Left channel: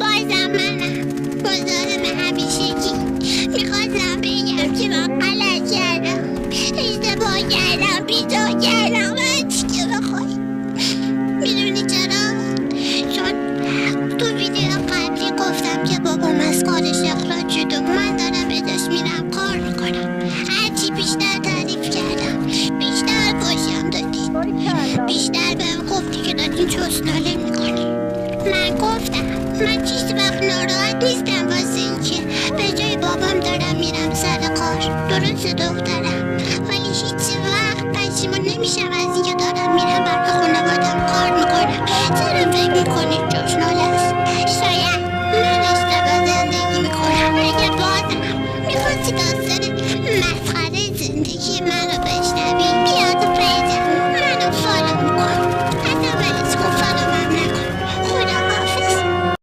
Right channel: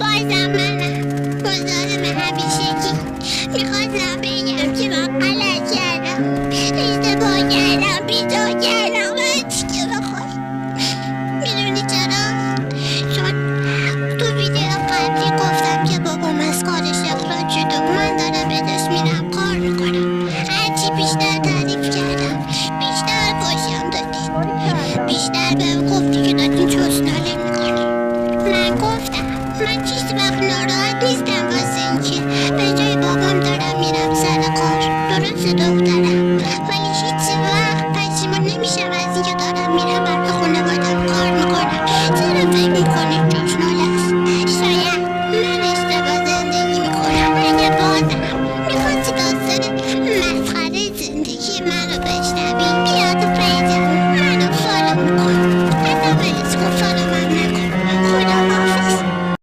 بازم منم مزاحم همیشگی. میخواستم بگم که من غلط کردم، اشتباه کردم، بی‌جا کردم، هر چی که بخوای. میدونی چرا؟ چون تو ویدیو قبلی گفتم که بابام از کارش اخراج شد و من دارم به داشت میرم کار میکنم. هرچی بیشتر تعریف کردم بیشتر پاشم دادی، بیشتر بهم گفتی که دارین چسناله میکنی. من گفتم من هیچ وقت ناراحت نیستم واسه اینکه به جای بابام دارم میرم سر کار. درسته دخترم، ولی هیچ وقت پشیمون نمیشم از اینکه دارم